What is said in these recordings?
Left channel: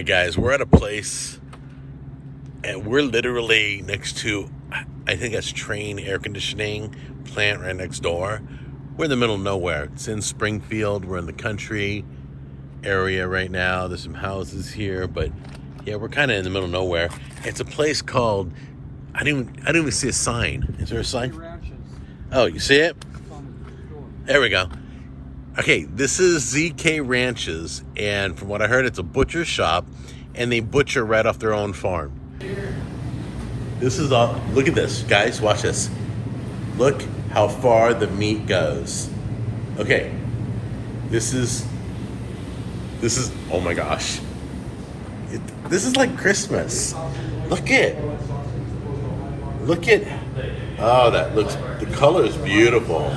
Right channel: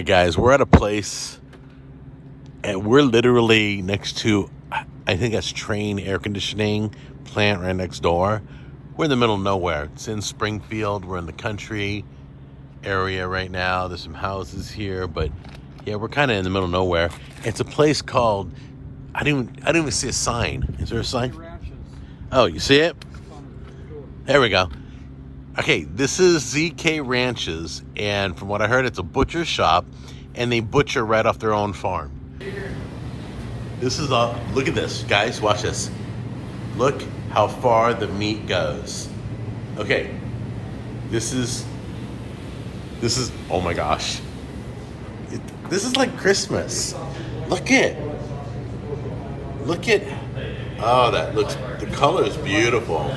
right, guys, we're at a place and we're literally next to, I think that's Train air conditioning plant right next door. We're in the middle of nowhere. It's in Springfield. We're in the country area right now. There's some houses here, but yeah, we're kind of in the middle of nowhere. It's a place called, I didn't even see a sign. Is there a sign? Oh, you see it? There we go. Okay, this is ZK Ranches, and from what I heard, it's a butcher shop, and they butcher right off their own farm. This is look at this, guys, watch this. Look how far the meat goes. Okay, this is, oh my gosh. This is like Christmas. Look at, oh, the color is beautiful.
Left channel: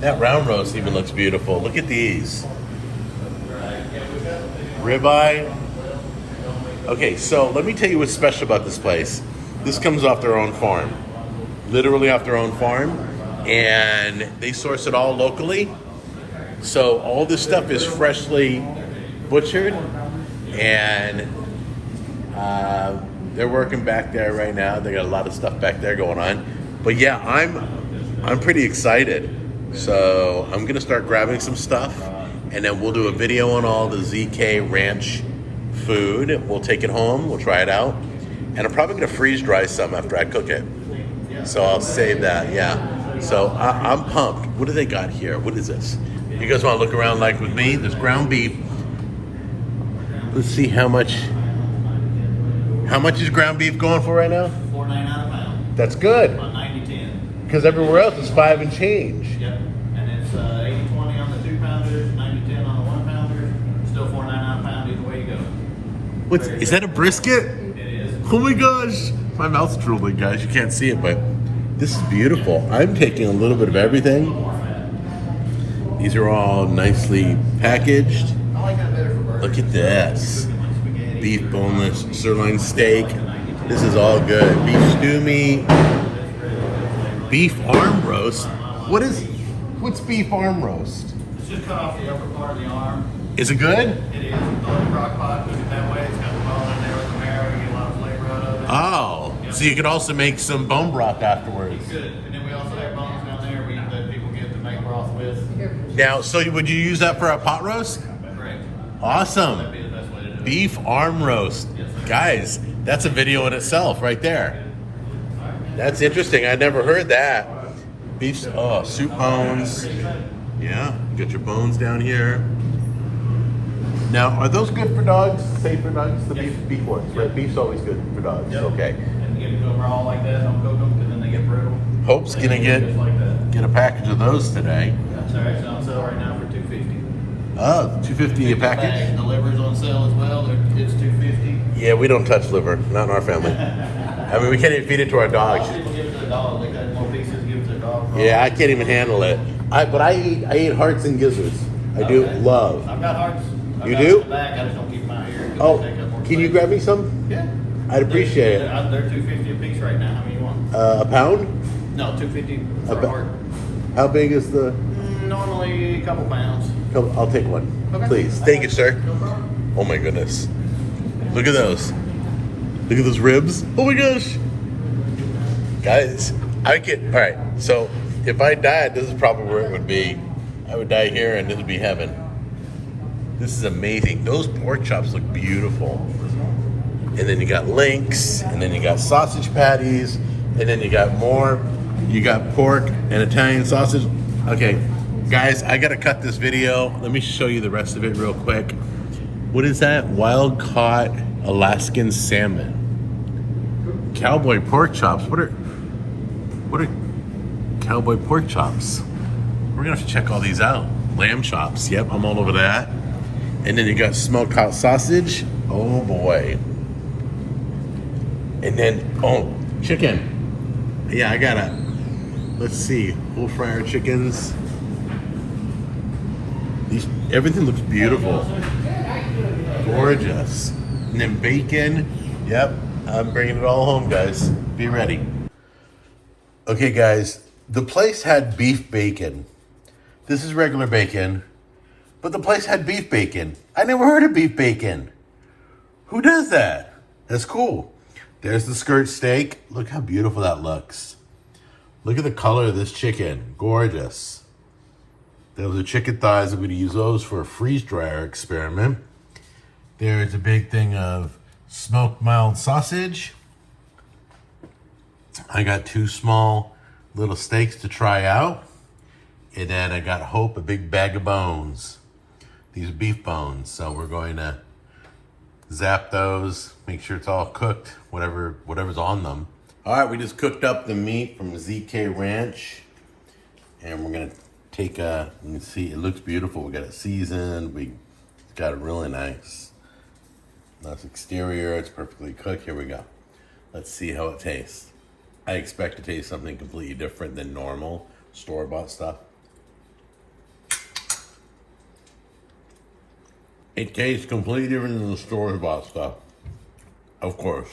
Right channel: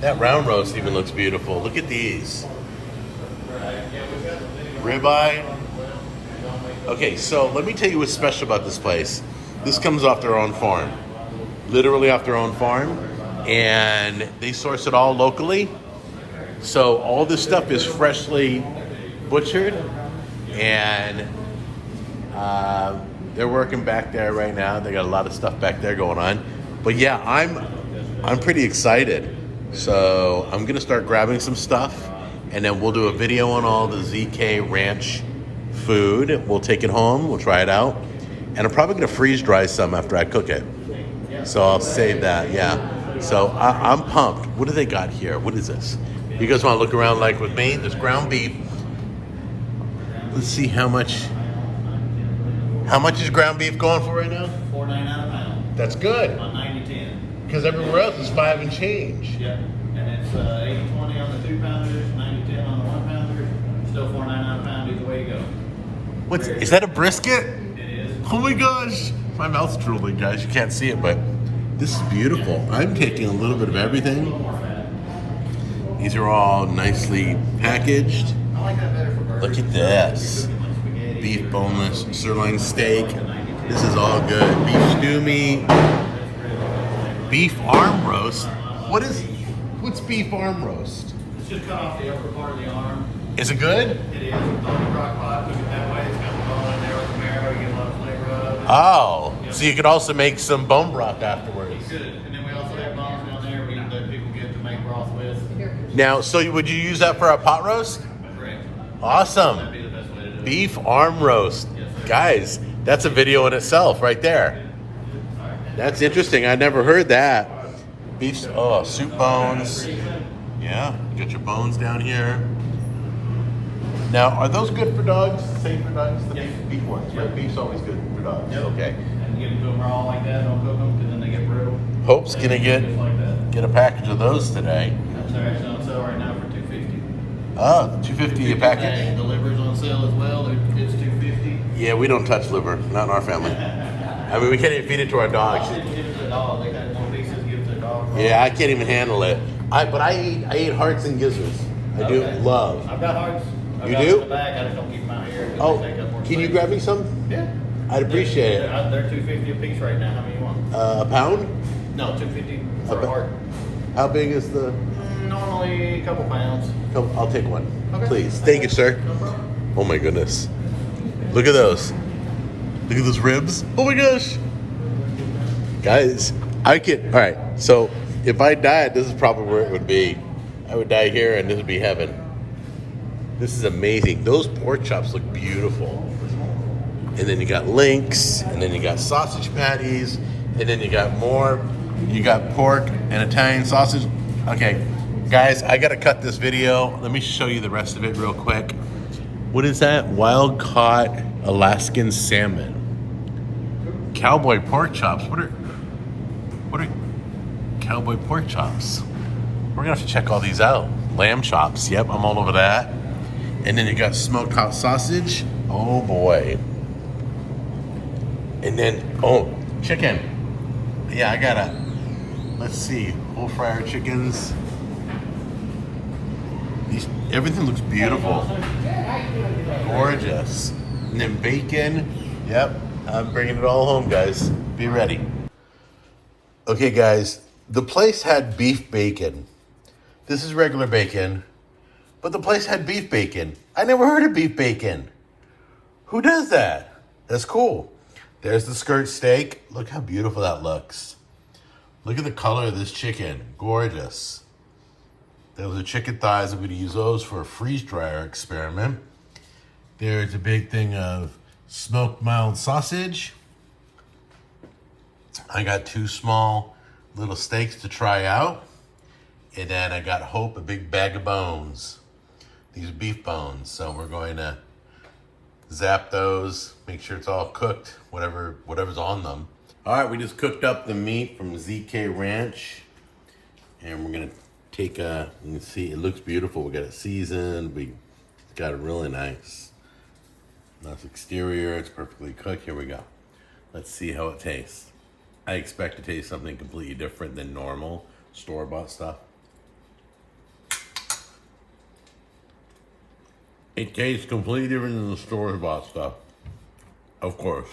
That round roast even looks beautiful. Look at these. Ribeye. Okay, so let me tell you what's special about this place. This comes off their own farm. Literally off their own farm. And they source it all locally. So all this stuff is freshly butchered. And they're working back there right now. They got a lot of stuff back there going on. But yeah, I'm pretty excited. So I'm gonna start grabbing some stuff, and then we'll do a video on all the ZK Ranch food. We'll take it home, we'll try it out, and I'm probably gonna freeze dry some after I cook it. So I'll save that, yeah. So I'm pumped. What do they got here? What is this? You guys wanna look around like with me? This ground beef. Let's see how much is ground beef going for right now? $4.99 a pound. That's good. About 90-10. Because everywhere else is 5 and change. Yep. And it's 80-20 on the 2-pounder, 90-10 on the 1-pounder. Still $4.99 a pound either way you go. Is that a brisket? It is. Oh my gosh. My mouth's drooling, guys. You can't see it, but this is beautiful. I'm taking a little bit of everything. These are all nicely packaged. Look at this. Beef boneless sirloin steak. This is all good. Beef stew meat. Beef arm roast. What's beef arm roast? It's just cut off the upper part of the arm. Is it good? It is. Crock pot, cook it that way. It's got all on there with the marrow. You get a lot of flavor out of it. Oh, so you could also make some bone broth afterwards. Good. And then we also have bones down there we let people get to make broth with. Now, so would you use that for a pot roast? Correct. Awesome. That'd be the best way to do it. Beef arm roast. Guys, that's a video in itself right there. That's interesting. I never heard that. Beef, soup bones. Yeah, you got your bones down here. Now, are those good for dogs? Safe for dogs? The beef ones, right? Beef's always good for dogs. Yep. Okay. And you can go raw like that, don't cook them, because then they get brittle. Hope's gonna Just like that. get a package of those today. That's actually on sale right now for $2.50. Oh, $2.50 a package? Bag. The liver's on sale as well. It's $2.50. Yeah, we don't touch liver, not in our family. I mean, we can't even feed it to our dogs. People give it to the dog. They got more pieces to give it to the dog. Yeah, I can't even handle it. But I eat hearts and gizzards. I do love. I've got hearts. You do? In the bag. I just don't keep them out here. Oh, can you grab me some? Yeah. I'd appreciate it. They're $2.50 a piece right now. How many you want? A pound? No, $2.50 for a heart. How big is the? Normally a couple pounds. I'll take one, Okay. please. Thank you, sir. No problem. Oh my goodness. Look at those. Look at those ribs. Oh my gosh. Guys, all right, so if I died, this is probably where it would be. I would die here and this would be heaven. This is amazing. Those pork chops look beautiful. And then you got links, and then you got sausage patties, and then you got more. You got pork and Italian sausage. Okay, guys, I gotta cut this video. Let me show you the rest of it real quick. What is that? Wild caught Alaskan salmon. Cowboy pork chops. What are cowboy pork chops? We're gonna have to check all these out. Lamb chops. Yep, I'm all over that. And then you got smoked hot sausage. Oh boy. And then, chicken. Yeah, I gotta, let's see, whole fryer chickens. Everything looks beautiful. Gorgeous. And then bacon. Yep, I'm bringing it all home, guys. Be ready. Okay, guys, the place had beef bacon. This is regular bacon, but the place had beef bacon. I never heard of beef bacon. Who does that? That's cool. There's the skirt steak. Look how beautiful that looks. Look at the color of this chicken. Gorgeous. Those are chicken thighs. I'm going to use those for a freeze dryer experiment. There's a big thing of smoked mild sausage. I got 2 small little steaks to try out. And then I got Hope a big bag of bones. These are beef bones. So we're going to zap those, make sure it's all cooked, whatever's on them. All right, we just cooked up the meat from ZK Ranch. And we're going to take you can see, it looks beautiful. We got it seasoned. We got it really nice. Nice exterior. It's perfectly cooked. Here we go. Let's see how it tastes. I expect to taste something completely different than normal store-bought stuff. It tastes completely different than the store-bought stuff. Of course.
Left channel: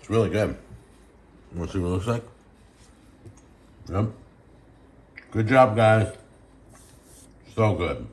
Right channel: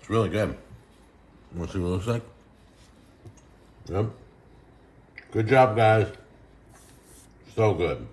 It's really good. Want to see what it looks like? Yep. Good job, guys. So good.